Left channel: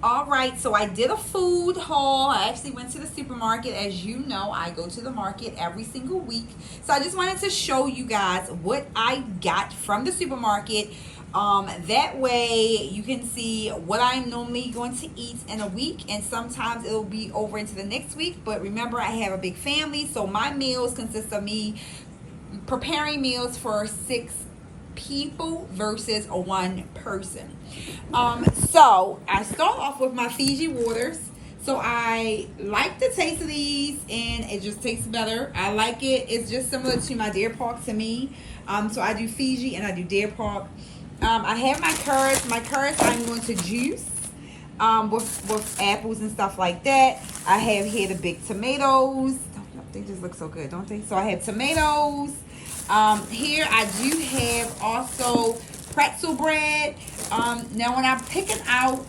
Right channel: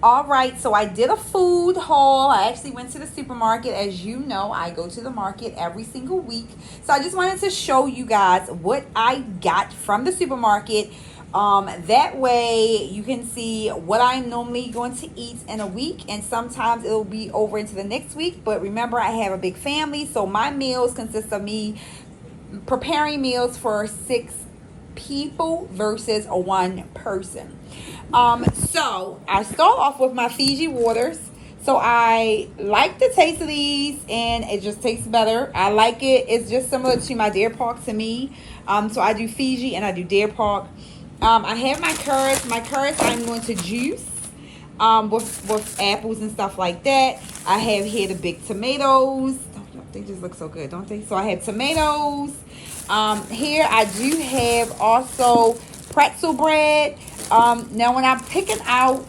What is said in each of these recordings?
All right, so I did a food haul. I actually went to the supermarket. As you know, I go to the market every single week. So I just wanted to show you guys what I got from the supermarket. That way you can see what I'm normally going to eat in a week, and sometimes it'll be over into the next week. But remember, I have a big family, so my meals consist of me preparing meals for 6 people versus a one person. So I start off with my Fiji waters. So I like the taste of these, and it just tastes better. I like it. It's just similar to my Deer Park to me. So I do Fiji and I do Deer Park. I have my carrots. My carrots I'm going to juice with apples and stuff like that. I have here the big tomatoes. They just look so good, don't they? So I have tomatoes. Here I do have also pretzel bread. Now when I'm picking out,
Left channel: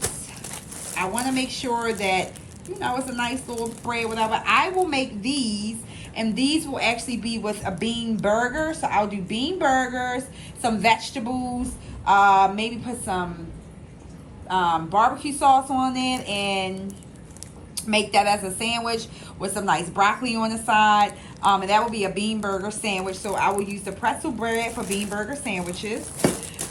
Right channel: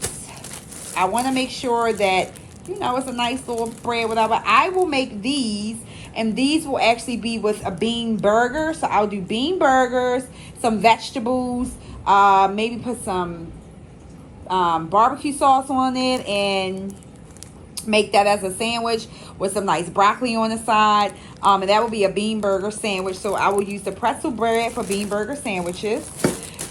I want to make sure that, it's a nice little bread, whatever. I will make these, and these will actually be with a bean burger. So I'll do bean burgers, some vegetables, maybe put some barbecue sauce on it, and make that as a sandwich with some nice broccoli on the side. And that will be a bean burger sandwich. So I will use the pretzel bread for bean burger sandwiches.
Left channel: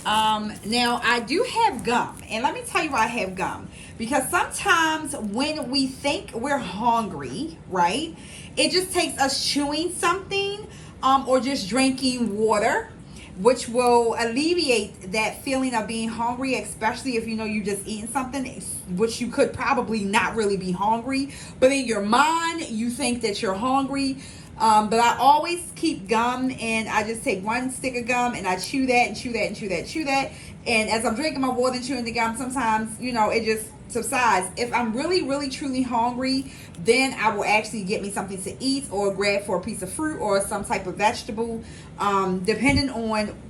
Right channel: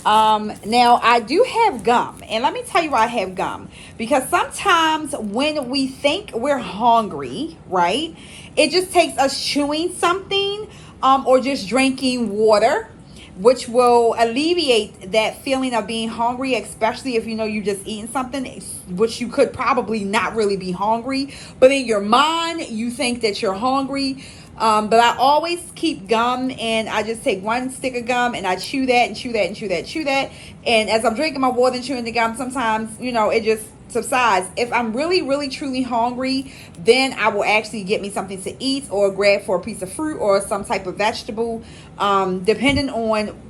Now I do have gum, and let me tell you why I have gum, because sometimes when we think we're hungry, right, it just takes us chewing something, or just drinking water, which will alleviate that feeling of being hungry, especially if you're just eating something, which you could probably not really be hungry, but in your mind, you think that you're hungry. But I always keep gum, and I just take one stick of gum and I chew that and chew that and chew that, chew that. And as I'm drinking my water and chewing the gum, sometimes, it just subsides. If I'm really, really, truly hungry, then I will actually get me something to eat or grab for a piece of fruit or some type of vegetable, depending on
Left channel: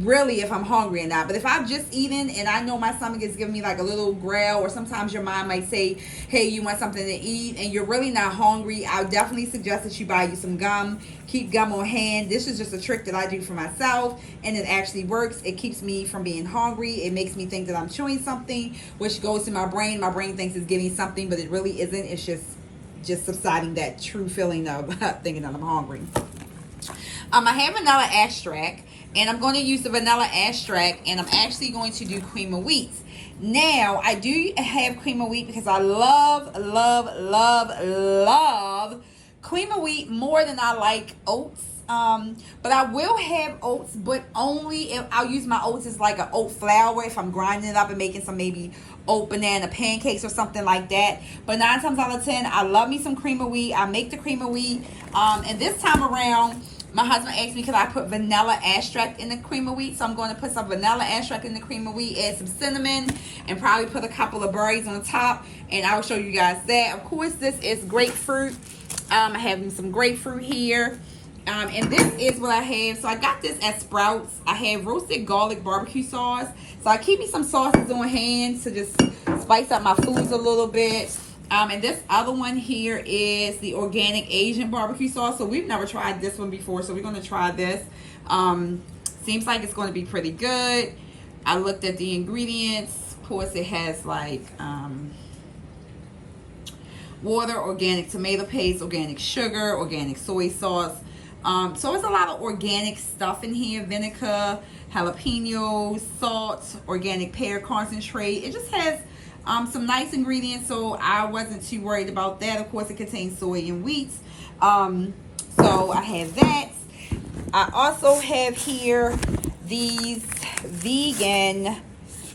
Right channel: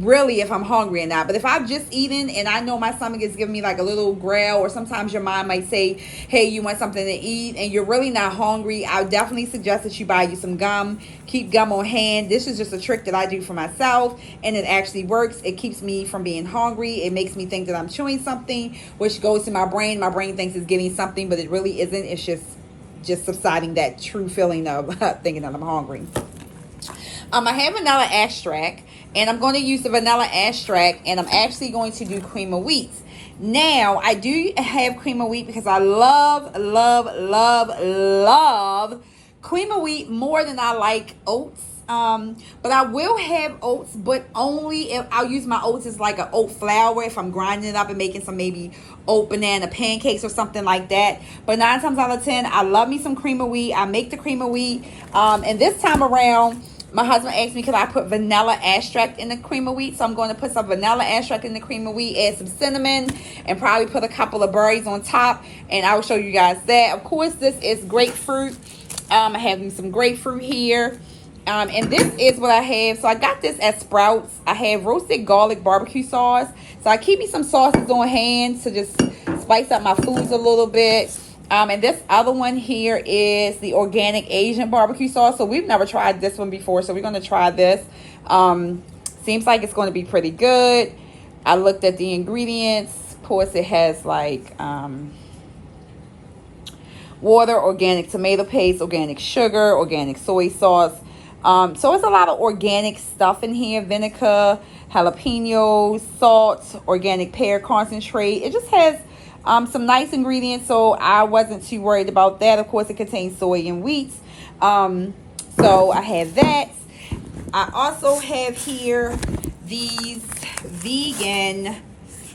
really if I'm hungry or not. But if I'm just eating and I know my stomach is giving me like a little growl, or sometimes your mind might say, hey, you want something to eat, and you're really not hungry, I would definitely suggest that you buy you some gum. Keep gum on hand. This is just a trick that I do for myself, and it actually works. It keeps me from being hungry. It makes me think that I'm chewing something, which goes to my brain. My brain thinks it's getting something, but it really isn't. It's just subsiding that true feeling of thinking that I'm hungry. I have vanilla extract, and I'm going to use the vanilla extract, and I'm actually going to do cream of wheat. Now, I do have cream of wheat because I love, love, love, love cream of wheat more than I like oats. But I will have oats, but only if I'll use my oats as like an oat flour if I'm grinding it up and making some maybe oat banana pancakes or something like that. But 9 times out of 10, I love me some cream of wheat. I make the cream of wheat. And this time around, my husband asked me, could I put vanilla extract in the cream of wheat? So I'm going to put some vanilla extract in the cream of wheat, add some cinnamon, and probably put a couple of berries on top. And I will show you guys that. Of course, this is grapefruit. I have some grapefruit here. And this is what I have. So I got this at Sprouts. I have roasted garlic barbecue sauce. So I keep me some sauces on hand to just spice up my foods a little bit. And this other one here is the organic Asian barbecue sauce. So we've never tried this one before, so we're going to try this. Seems like it's going to be pretty good. I looked at the ingredients. Of course, it has like water, organic tomato paste, organic sugar, organic soy sauce. So it's a lot of organic stuff in here. Vinegar, jalapenos, salt, organic pear concentrate. It just has some nice ingredients, so I wasn't too worried about that. Of course, it contains soy and wheat. So I have that. I also have here these vegan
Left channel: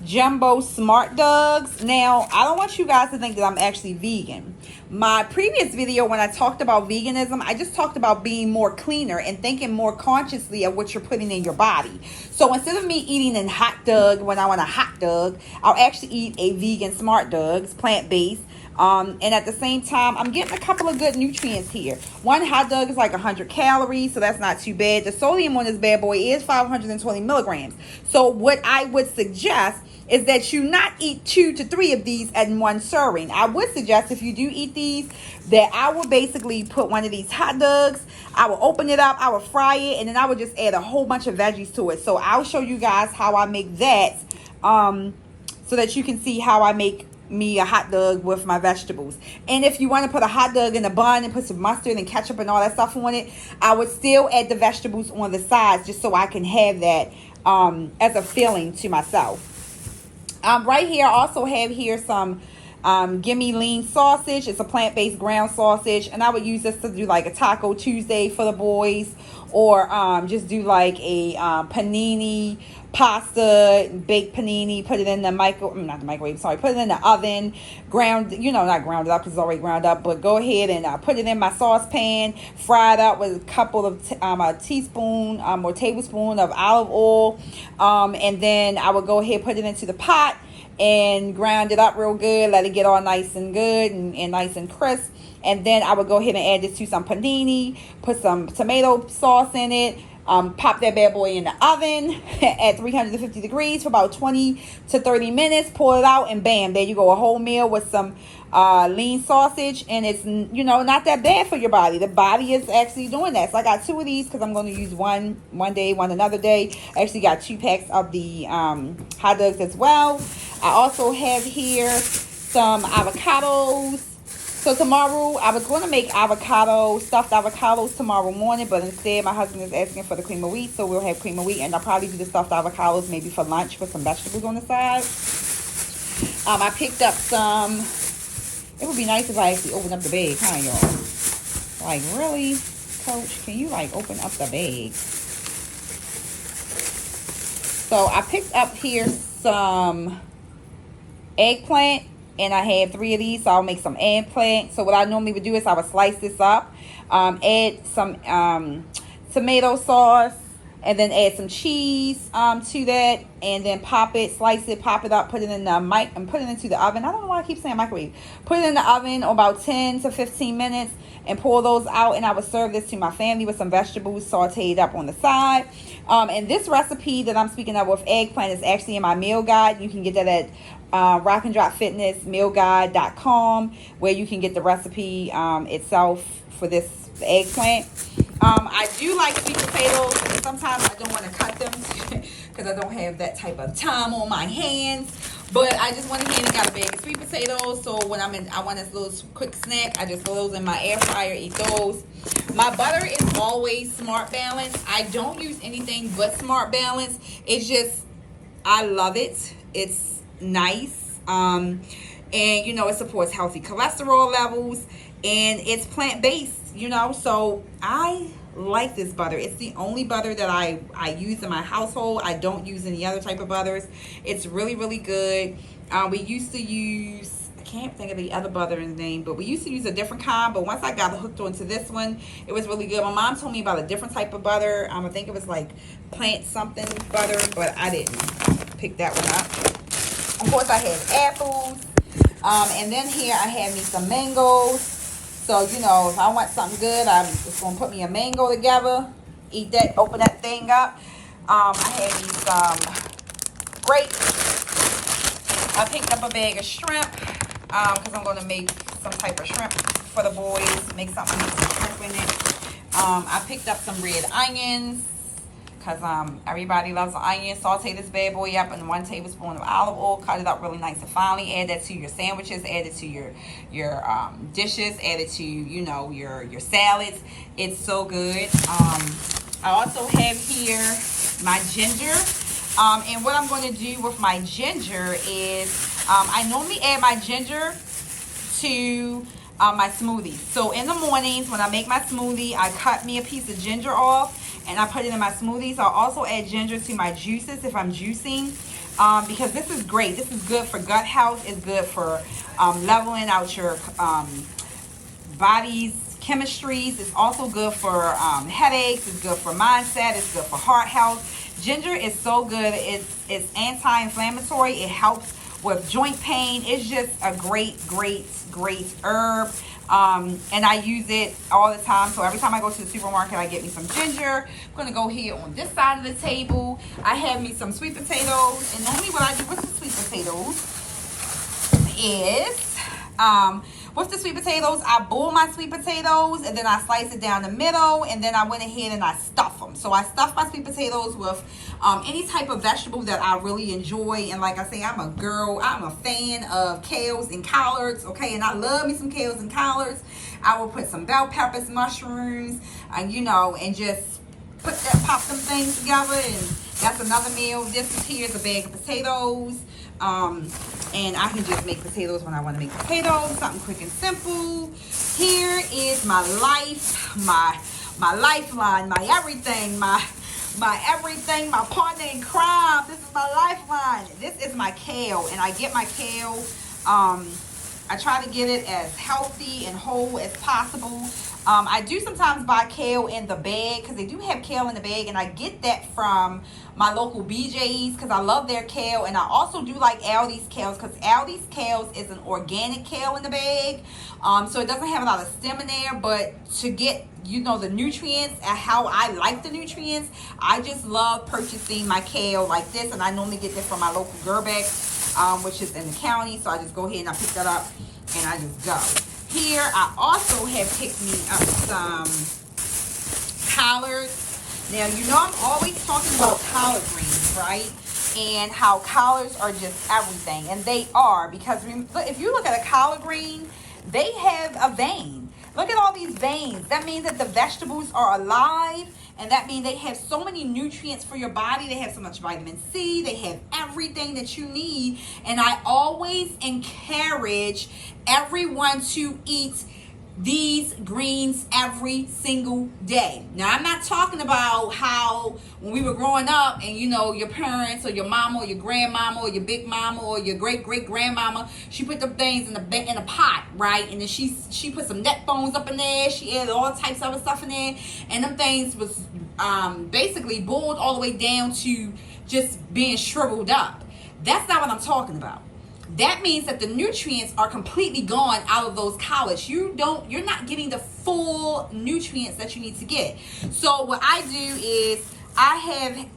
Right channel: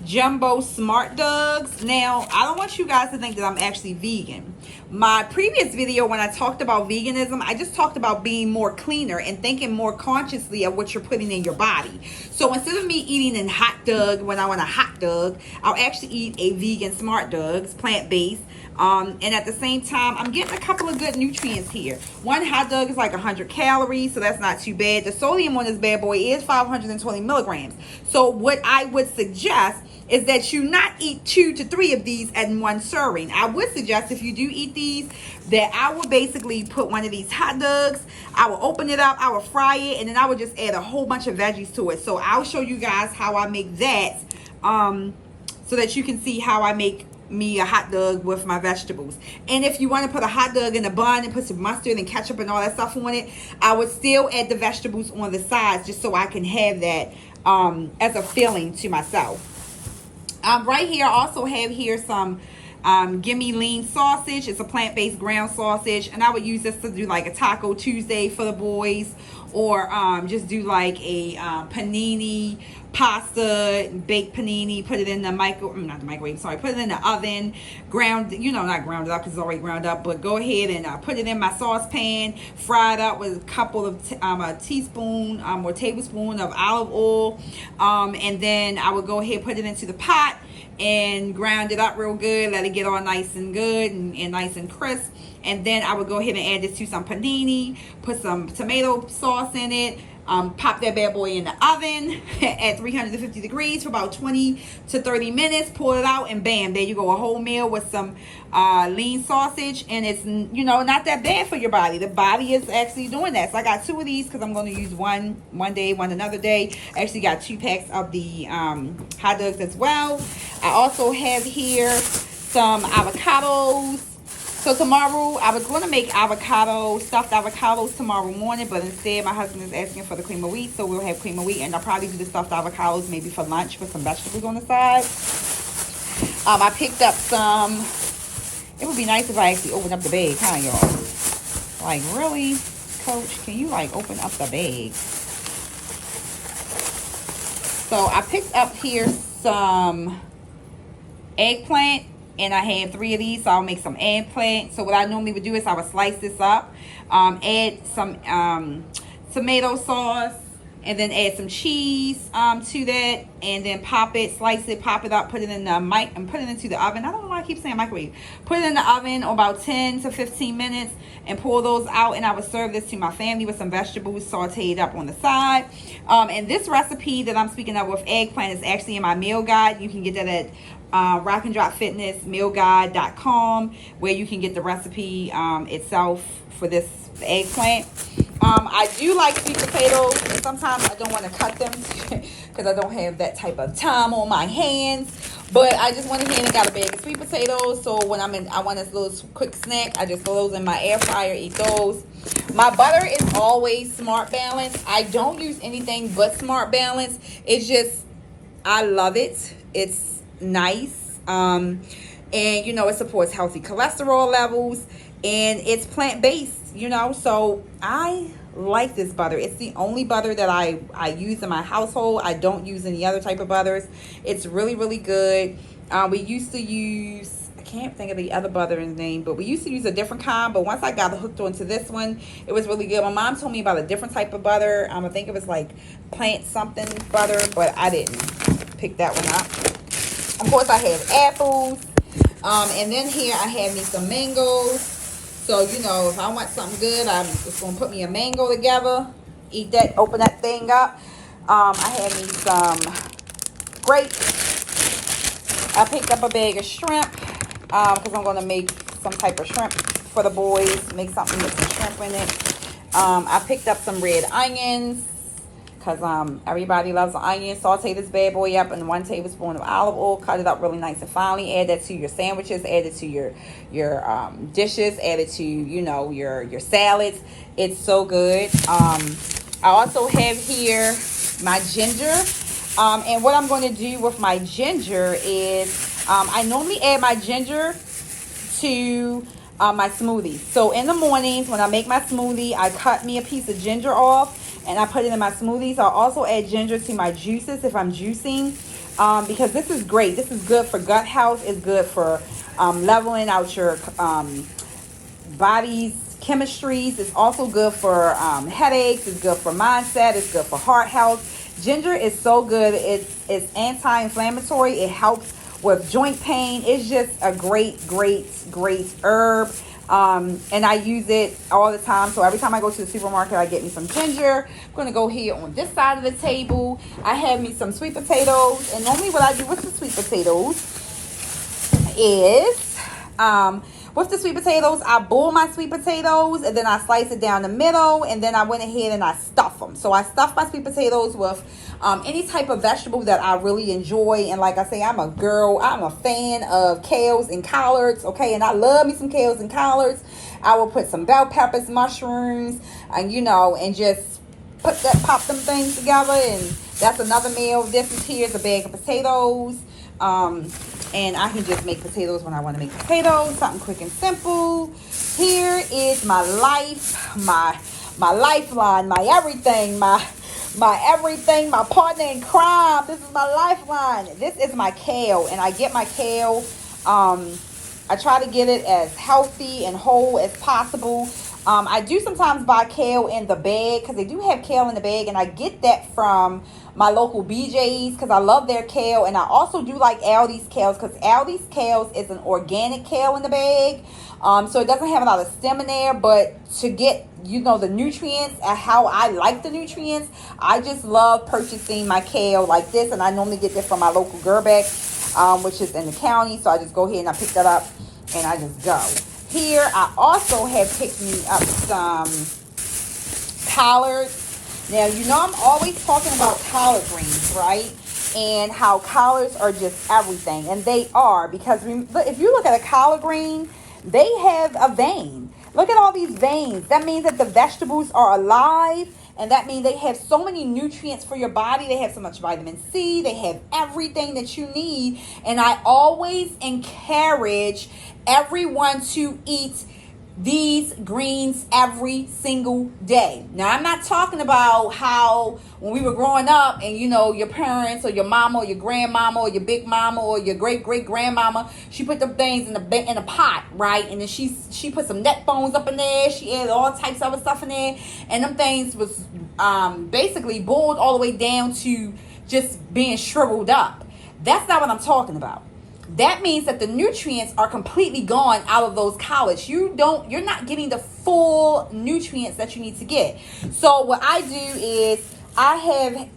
jumbo smart dogs. Now, I don't want you guys to think that I'm actually vegan. My previous video, when I talked about veganism, I just talked about being more cleaner and thinking more consciously of what you're putting in your body. So instead of me eating a hot dog when I want a hot dog, I'll actually eat a vegan smart dogs, plant-based. And at the same time, I'm getting a couple of good nutrients here. One hot dog is like 100 calories, so that's not too bad. The sodium on this bad boy is 520 milligrams. So what I would suggest is that you not eat 2 to 3 of these in one serving. I would suggest if you do eat these, that I will basically put one of these hot dogs, I will open it up, I will fry it, and then I will just add a whole bunch of veggies to it. So I'll show you guys how I make that, so that you can see how I make me a hot dog with my vegetables. And if you want to put a hot dog in a bun and put some mustard and ketchup and all that stuff on it, I would still add the vegetables on the sides just so I can have that as a filling to myself. Right here, I also have here some Gimme Lean sausage. It's a plant-based ground sausage, and I would use this to do like a Taco Tuesday for the boys, or just do like a panini pasta, baked panini, put it in the put it in the oven, ground, not ground it up because it's already ground up, but go ahead and put it in my saucepan, fry it up with a couple of a teaspoon or tablespoon of olive oil, and then I would go ahead, put it into the pot and ground it up real good, let it get all nice and good and nice and crisp. And then I would go ahead and add this to some panini, put some tomato sauce in it, pop that bad boy in the oven at 350 degrees for about 20 to 30 minutes, pull it out, and bam, there you go, a whole meal with some lean sausage. And it's, not that bad for your body. The body is actually doing that. So I got 2 of these because I'm going to use one day, one another day. I actually got 2 packs of the hot dogs as well. I also have here some avocados. So tomorrow, I was going to make stuffed avocados tomorrow morning, but instead my husband is asking for the cream of wheat, so we'll have cream of wheat, and I'll probably do the stuffed avocados maybe for lunch with some vegetables on the side. I picked up some, it would be nice if I actually opened up the bag, huh, y'all? Like, really, Coach? Can you, like, open up the bag? So I picked up here some eggplant. And I had 3 of these, so I'll make some eggplant. So what I normally would do is I would slice this up, add some tomato sauce, and then add some cheese to that, and then slice it, pop it up, put it in the and put it into the oven. I don't know why I keep saying microwave. Put it in the oven about 10 to 15 minutes and pull those out, and I would serve this to my family with some vegetables sauteed up on the side. And this recipe that I'm speaking of with eggplant is actually in my meal guide. You can get that at Rock and Drop Fitness mealguide.com, where you can get the recipe itself for this eggplant. I do like sweet potatoes, and sometimes I don't want to cut them because I don't have that type of time on my hands. But I just went ahead and got a bag of sweet potatoes. So when I want this little quick snack, I just throw those in my air fryer, eat those. My butter is always Smart Balance. I don't use anything but Smart Balance. It's just, I love it. It's nice. And it supports healthy cholesterol levels, and it's plant-based, so I like this butter. It's the only butter that I use in my household. I don't use any other type of butters. It's really, really good. We used to use, I can't think of the other butter's name, but we used to use a different kind, but once I got hooked onto this one, it was really good. My mom told me about a different type of butter. I think it was like plant something butter, but I didn't pick that one up. Of course, I have apples. And then here I have me some mangoes. So, if I want something good, I'm just going to put me a mango together. Eat that, open that thing up. I have me some grapes. I picked up a bag of shrimp because I'm going to make some type of shrimp for the boys. Make something with some shrimp in it. I picked up some red onions, because everybody loves onion. Saute this bad boy up in 1 tablespoon of olive oil. Cut it up really nice and finely. Add that to your sandwiches. Add it to your dishes. Add it to your salads. It's so good. I also have here my ginger. And what I'm going to do with my ginger is I normally add my ginger to my smoothie. So in the mornings when I make my smoothie, I cut me a piece of ginger off and I put it in my smoothies. I'll also add ginger to my juices if I'm juicing, because this is great. This is good for gut health. It's good for leveling out your body's chemistries. It's also good for headaches. It's good for mindset. It's good for heart health. Ginger is so good. It's anti-inflammatory. It helps with joint pain. It's just a great herb. And I use it all the time. So every time I go to the supermarket, I get me some ginger. I'm going to go here on this side of the table. I have me some sweet potatoes. And normally what I do with the sweet potatoes is With the sweet potatoes, I boil my sweet potatoes and then I slice it down the middle, and then I went ahead and I stuff them. So I stuff my sweet potatoes with any type of vegetable that I really enjoy. And like I say, I'm a fan of kales and collards, okay? And I love me some kales and collards. I will put some bell peppers, mushrooms, and just pop them things together, and that's another meal. This is here's a bag of potatoes. And I can just make potatoes when I want to make potatoes, something quick and simple. Here is my life, my lifeline, my everything, my partner in crime. This is my lifeline. This is my kale, and I get my kale. I try to get it as healthy and whole as possible. I do sometimes buy kale in the bag, because they do have kale in the bag, and I get that from my local BJ's because I love their kale. And I also do like Aldi's kales, because Aldi's kales is an organic kale in the bag, so it doesn't have a lot of stem in there. But to get the nutrients and how I like the nutrients, I just love purchasing my kale like this. And I normally get this from my local Gerbeck, which is in the county. So I just go ahead and I pick that up and I just go. Here, I also have picked me up some collards. Now, I'm always talking about collard greens, right? And how collards are just everything. And they are, because if you look at a collard green, they have a vein. Look at all these veins. That means that the vegetables are alive, and that means they have so many nutrients for your body. They have so much vitamin C. They have everything that you need. And I always encourage everyone to eat these greens every single day. Now, I'm not talking about how when we were growing up and your parents or your mama or your grandmama or your big mama or your great grandmama, she put them things in a pot, right? And then she put some neck bones up in there. She added all types of other stuff in there, and them things was basically boiled all the way down to just being shriveled up. That's not what I'm talking about. That means that the nutrients are completely gone out of those collards. You're not getting the full nutrients that you need to get. So what I do is I have,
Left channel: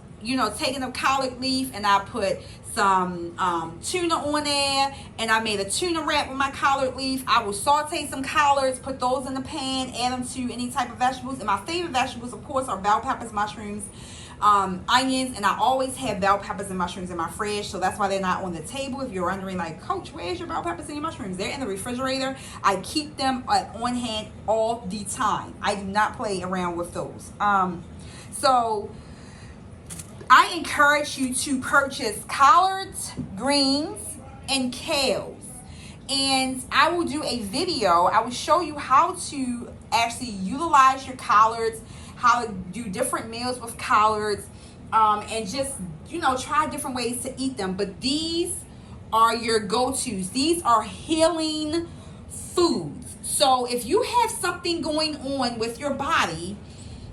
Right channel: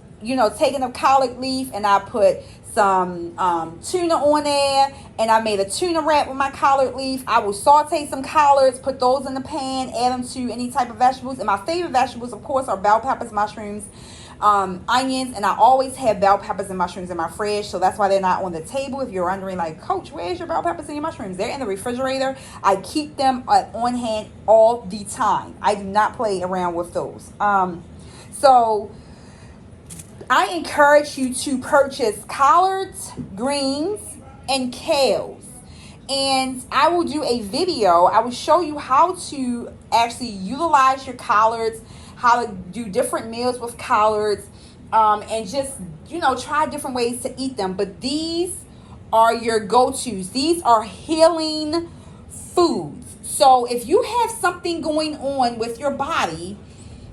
taken a collard leaf and I put some tuna on there, and I made a tuna wrap with my collard leaf. I will saute some collards, put those in the pan, add them to any type of vegetables. And my favorite vegetables, of course, are bell peppers, mushrooms, onions, and I always have bell peppers and mushrooms in my fridge, so that's why they're not on the table. If you're wondering, like, Coach, where's your bell peppers and your mushrooms? They're in the refrigerator. I keep them on hand all the time. I do not play around with those. So I encourage you to purchase collards, greens, and kales. And I will do a video. I will show you how to actually utilize your collards, how to do different meals with collards, and just, try different ways to eat them. But these are your go-tos. These are healing foods. So if you have something going on with your body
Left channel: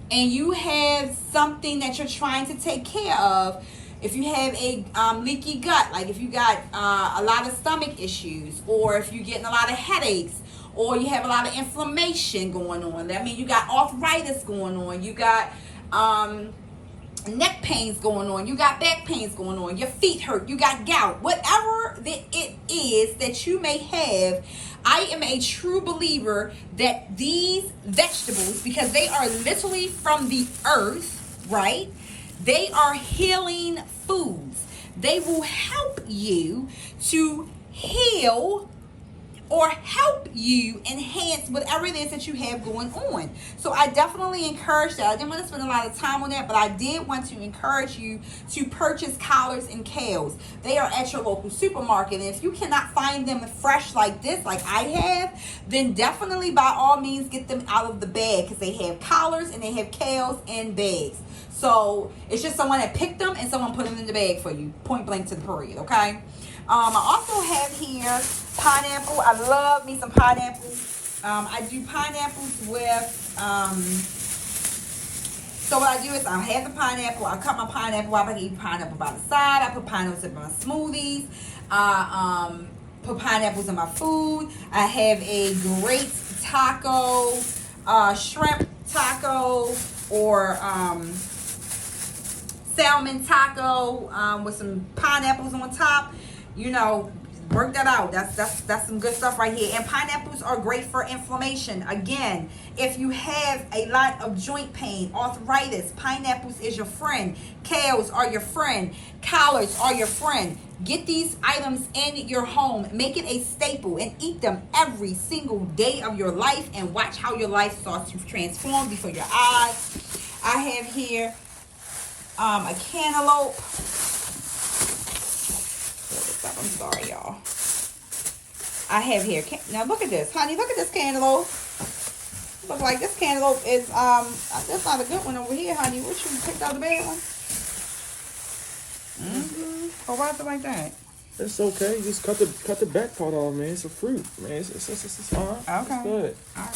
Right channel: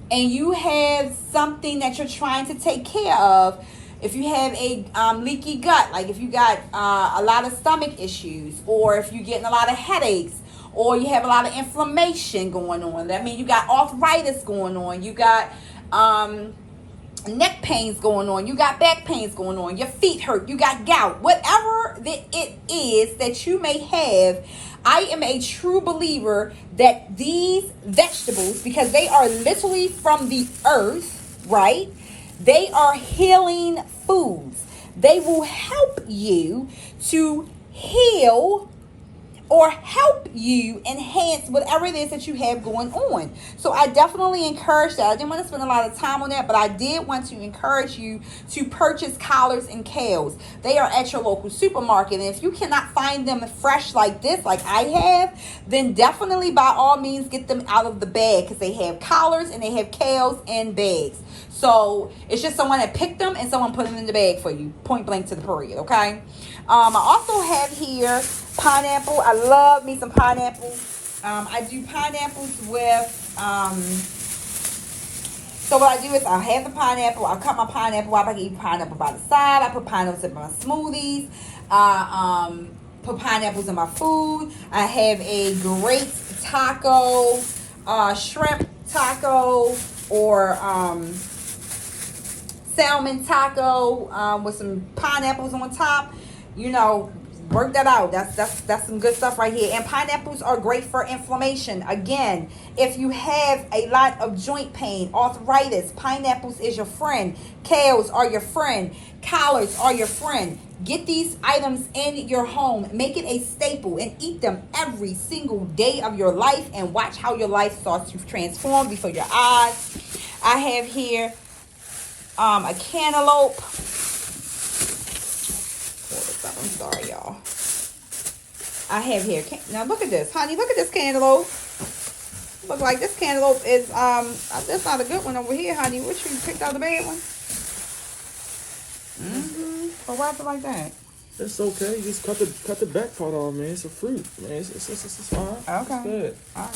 and you have something that you're trying to take care of, if you have a leaky gut, like if you got a lot of stomach issues, or if you're getting a lot of headaches, or you have a lot of inflammation going on, that means you got arthritis going on, you got neck pains going on, you got back pains going on, your feet hurt, you got gout, whatever it is that you may have, I am a true believer that these vegetables, because they are literally from the earth, right? They are healing foods. They will help you to heal or help you enhance whatever it is that you have going on. So I definitely encourage that. I didn't want to spend a lot of time on that, but I did want to encourage you to purchase collards and kales. They are at your local supermarket. And if you cannot find them fresh like this, like I have, then definitely by all means get them out of the bag, because they have collards and they have kales in bags. So it's just someone that picked them and someone put them in the bag for you, point blank to the period, okay? I also have here pineapple. I love me some pineapple. I do pineapples with, so what I do is I have the pineapple. I cut my pineapple up. I eat pineapple by the side. I put pineapples in my smoothies. I put pineapples in my food. I have a great taco, shrimp taco, or salmon taco with some pineapples on top. Work that out. That's some good stuff right here. And pineapples are great for inflammation. Again, if you have a lot of joint pain, arthritis, pineapples is your friend. Kales are your friend. Collards are your friend. Get these items in your home. Make it a staple and eat them every single day of your life, and watch how your life starts to transform before your eyes. I have here a cantaloupe. I'm sorry, y'all. I have here. Now look at this, honey. Look at this cantaloupe. Look like this cantaloupe is that's not a good one over here, honey. What, you picked out the bad one? Oh, why is it like that? It's okay. Just cut the back part off, man. It's a fruit, man. It's all right. Okay. It's good. All right.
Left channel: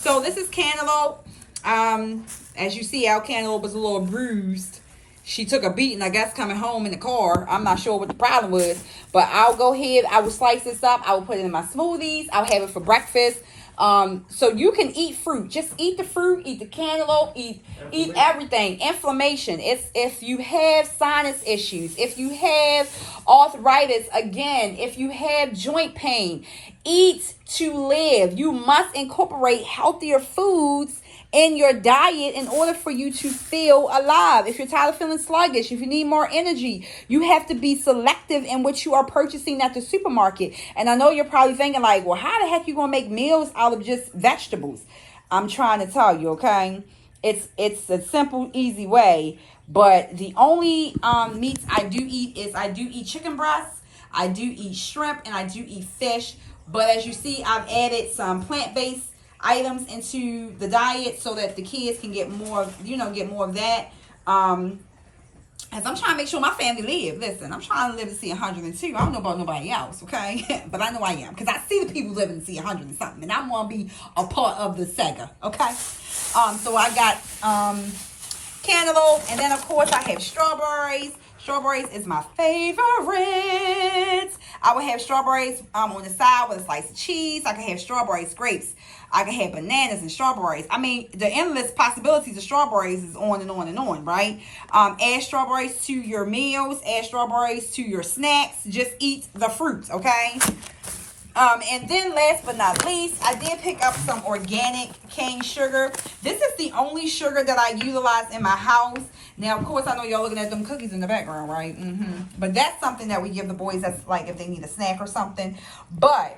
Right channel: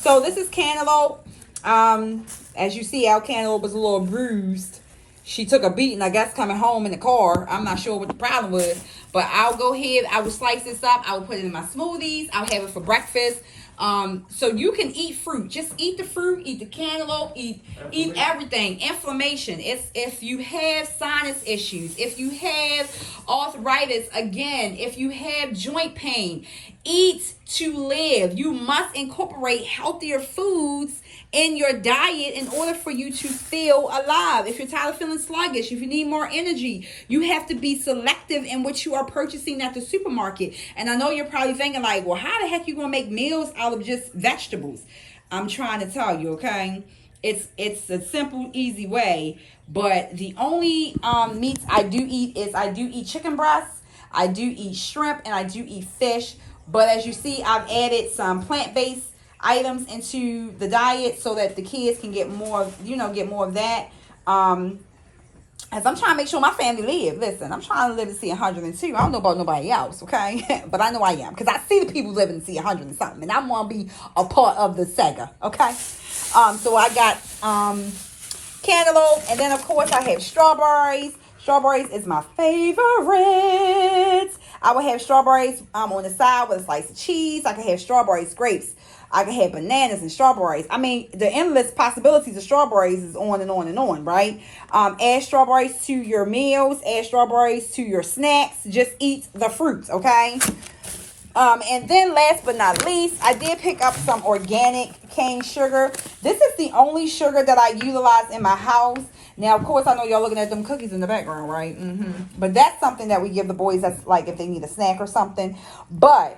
So this is cantaloupe. As you see, our cantaloupe was a little bruised. She took a beating, I guess, coming home in the car. I'm not sure what the problem was. But I'll go ahead. I will slice this up. I will put it in my smoothies. I'll have it for breakfast. So you can eat fruit. Just eat the fruit. Eat the cantaloupe. Eat everything. Inflammation. It's if you have sinus issues. If you have arthritis. Again, if you have joint pain. Eat to live. You must incorporate healthier foods in your diet in order for you to feel alive. If you're tired of feeling sluggish, if you need more energy, you have to be selective in what you are purchasing at the supermarket. And I know you're probably thinking like, well, how the heck you gonna make meals out of just vegetables? I'm trying to tell you, okay? It's a simple, easy way. But the only meats I do eat is I do eat chicken breasts, I do eat shrimp, and I do eat fish. But as you see, I've added some plant-based items into the diet so that the kids can get more, get more of that. As I'm trying to make sure my family live. Listen, I'm trying to live to see 102. I don't know about nobody else, okay? But I know I am, because I see the people living to see 100 and something, and I want to be a part of the Sega, okay? So I got cantaloupe, and then of course I have strawberries. Strawberries is my favorite. I would have strawberries on the side with a slice of cheese. I could have strawberries, grapes. I could have bananas and strawberries. I mean, the endless possibilities of strawberries is on and on and on, right? Add strawberries to your meals. Add strawberries to your snacks. Just eat the fruits, okay? And then last but not least, I did pick up some organic cane sugar. This is the only sugar that I utilize in my house. Now, of course, I know y'all looking at them cookies in the background, right? But that's something that we give the boys, that's like if they need a snack or something. But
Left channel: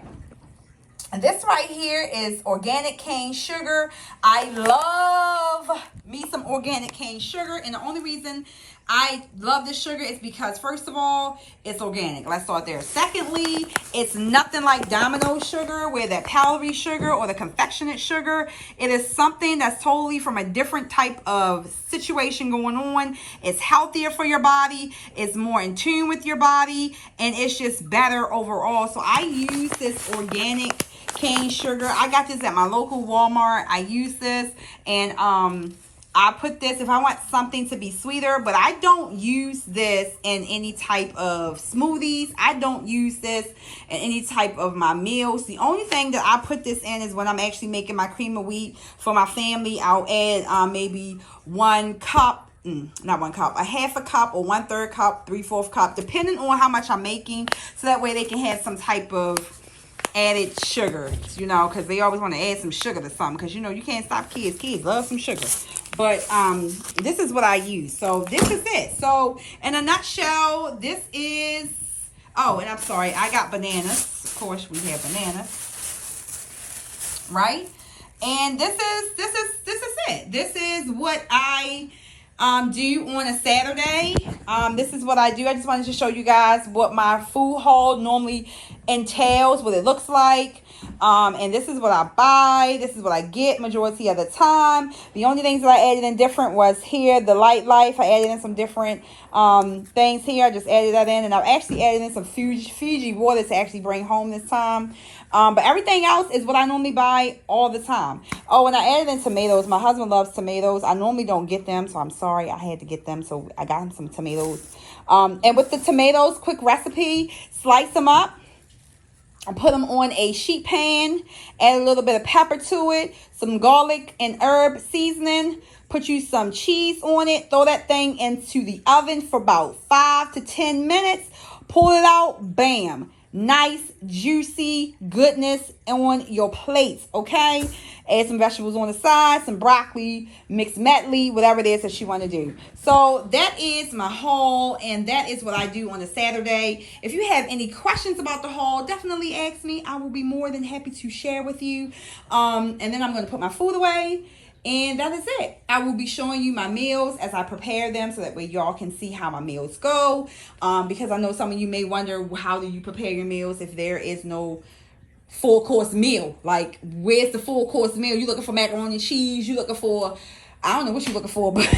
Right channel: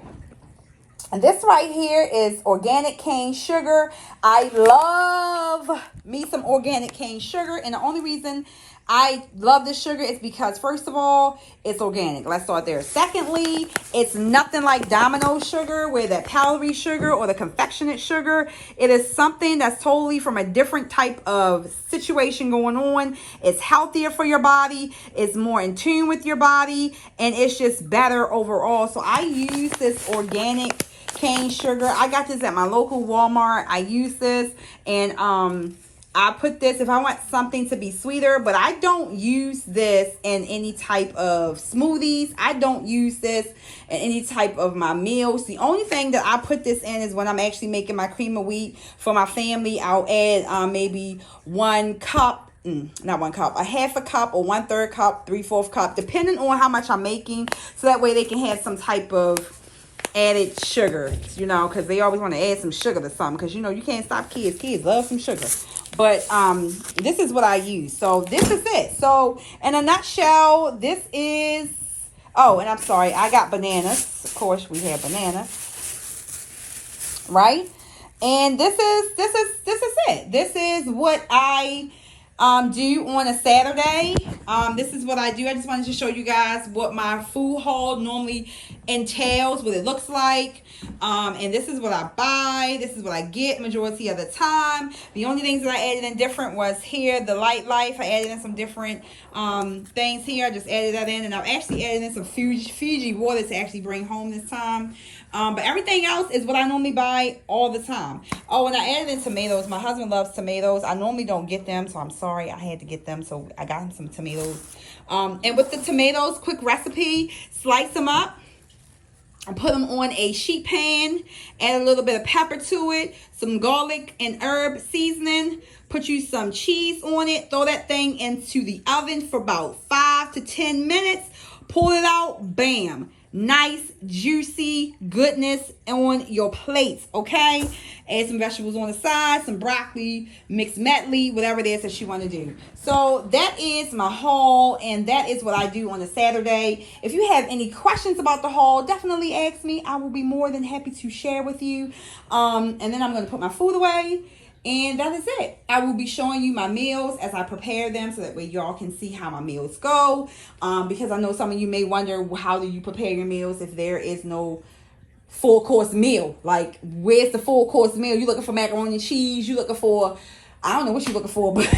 this right here is organic cane sugar. I love me some organic cane sugar. And the only reason I love this sugar is because, first of all, it's organic. Let's start there. Secondly, it's nothing like Domino sugar, where that powdery sugar or the confectionate sugar. It is something that's totally from a different type of situation going on. It's healthier for your body. It's more in tune with your body. And it's just better overall. So I use this organic cane sugar. I got this at my local Walmart. I use this, and I put this if I want something to be sweeter, but I don't use this in any type of smoothies. I don't use this in any type of my meals. The only thing that I put this in is when I'm actually making my cream of wheat for my family. I'll add maybe 1 cup. Not 1 cup, a half a cup or 1/3 cup, 3/4 cup, depending on how much I'm making. So that way they can have some type of added sugar, because they always want to add some sugar to something, because you can't stop kids. Kids love some sugar. But this is what I use. So this is it. So in a nutshell, this is, oh, and I'm sorry, I got bananas. Of course we have bananas, right? And this is it. This is what I do on a Saturday. This is what I do. I just wanted to show you guys what my food haul normally entails, what it looks like. And this is what I buy. This is what I get majority of the time. The only things that I added in different was here, the Light Life. I added in some different things here. I just added that in, and I've actually added in some Fiji water to actually bring home this time. But everything else is what I normally buy all the time. Oh, and I added in tomatoes. My husband loves tomatoes. I normally don't get them, so I'm sorry. I had to get them, so I got him some tomatoes. And with the tomatoes, quick recipe, slice them up and put them on a sheet pan. Add a little bit of pepper to it, some garlic and herb seasoning. Put you some cheese on it. Throw that thing into the oven for about 5 to 10 minutes. Pull it out. Bam. nice, juicy goodness on your plates, okay? Add some vegetables on the side, some broccoli, mixed medley, whatever it is that you want to do. So that is my haul, and that is what I do on a Saturday. If you have any questions about the haul, definitely ask me. I will be more than happy to share with you. And then I'm going to put my food away. And that is it. I will be showing you my meals as I prepare them so that way y'all can see how my meals go. Because I know some of you may wonder, how do you prepare your meals if there is no full course meal? Like, where's the full course meal? You looking for macaroni and cheese? You looking for, I don't know what you're looking for, but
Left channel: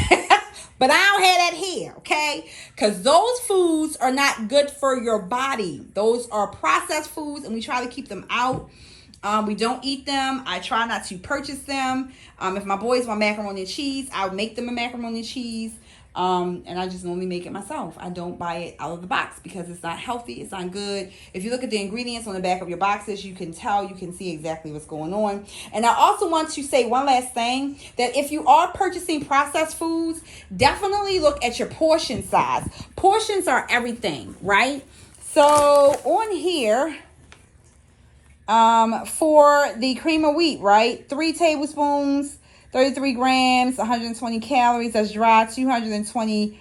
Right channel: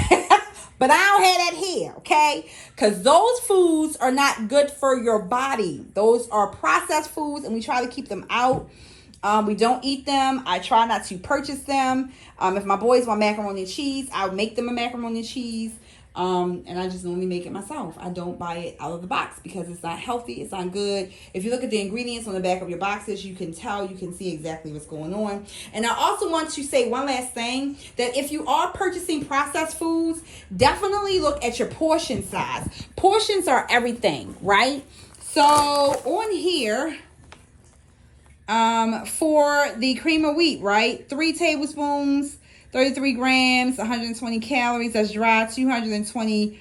but I don't have that here, okay? Because those foods are not good for your body. Those are processed foods, and we try to keep them out. We don't eat them. I try not to purchase them. If my boys want macaroni and cheese, I'll make them a macaroni and cheese. And I just normally make it myself. I don't buy it out of the box because it's not healthy. It's not good. If you look at the ingredients on the back of your boxes, you can tell, you can see exactly what's going on. And I also want to say one last thing, that if you are purchasing processed foods, definitely look at your portion size. Portions are everything, right? So on here, for the cream of wheat, right? 3 tablespoons, 33 grams, 120 calories. That's dry. 220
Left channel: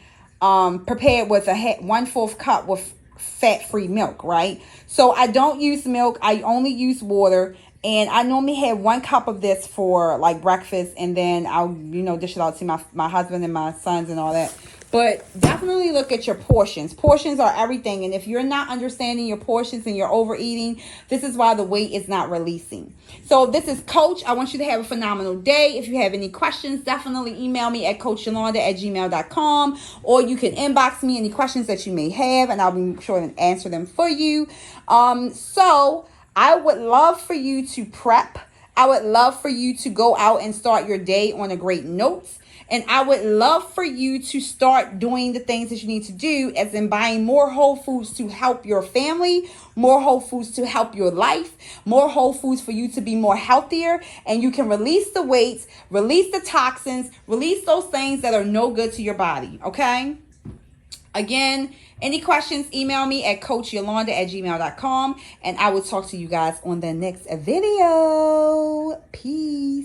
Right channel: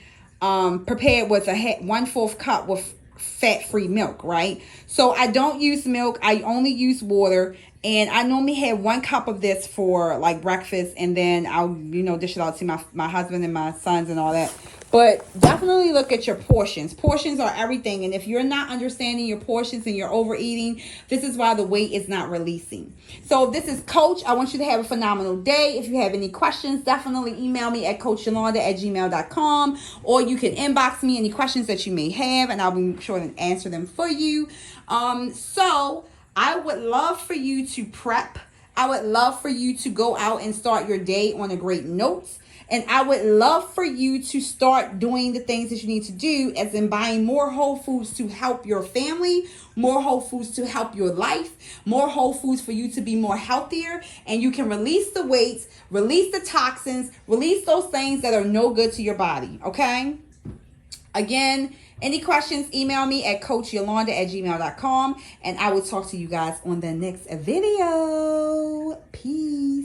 prepared with a 1/4 cup with fat-free milk, right? So I don't use milk. I only use water. And I normally have 1 cup of this for like breakfast, and then I'll, dish it out to my husband and my sons and all that. But definitely look at your portions. Portions are everything. And if you're not understanding your portions and you're overeating, this is why the weight is not releasing. So this is Coach. I want you to have a phenomenal day. If you have any questions, definitely email me at coachyolanda@gmail.com, or you can inbox me any questions that you may have, and I'll be sure to answer them for you. So I would love for you to prep. I would love for you to go out and start your day on a great note. And I would love for you to start doing the things that you need to do, as in buying more whole foods to help your family, more whole foods to help your life, more whole foods for you to be more healthier. And you can release the weights, release the toxins, release those things that are no good to your body. Okay? Again, any questions, email me at coachyolanda@gmail.com. And I will talk to you guys on the next video. Peace.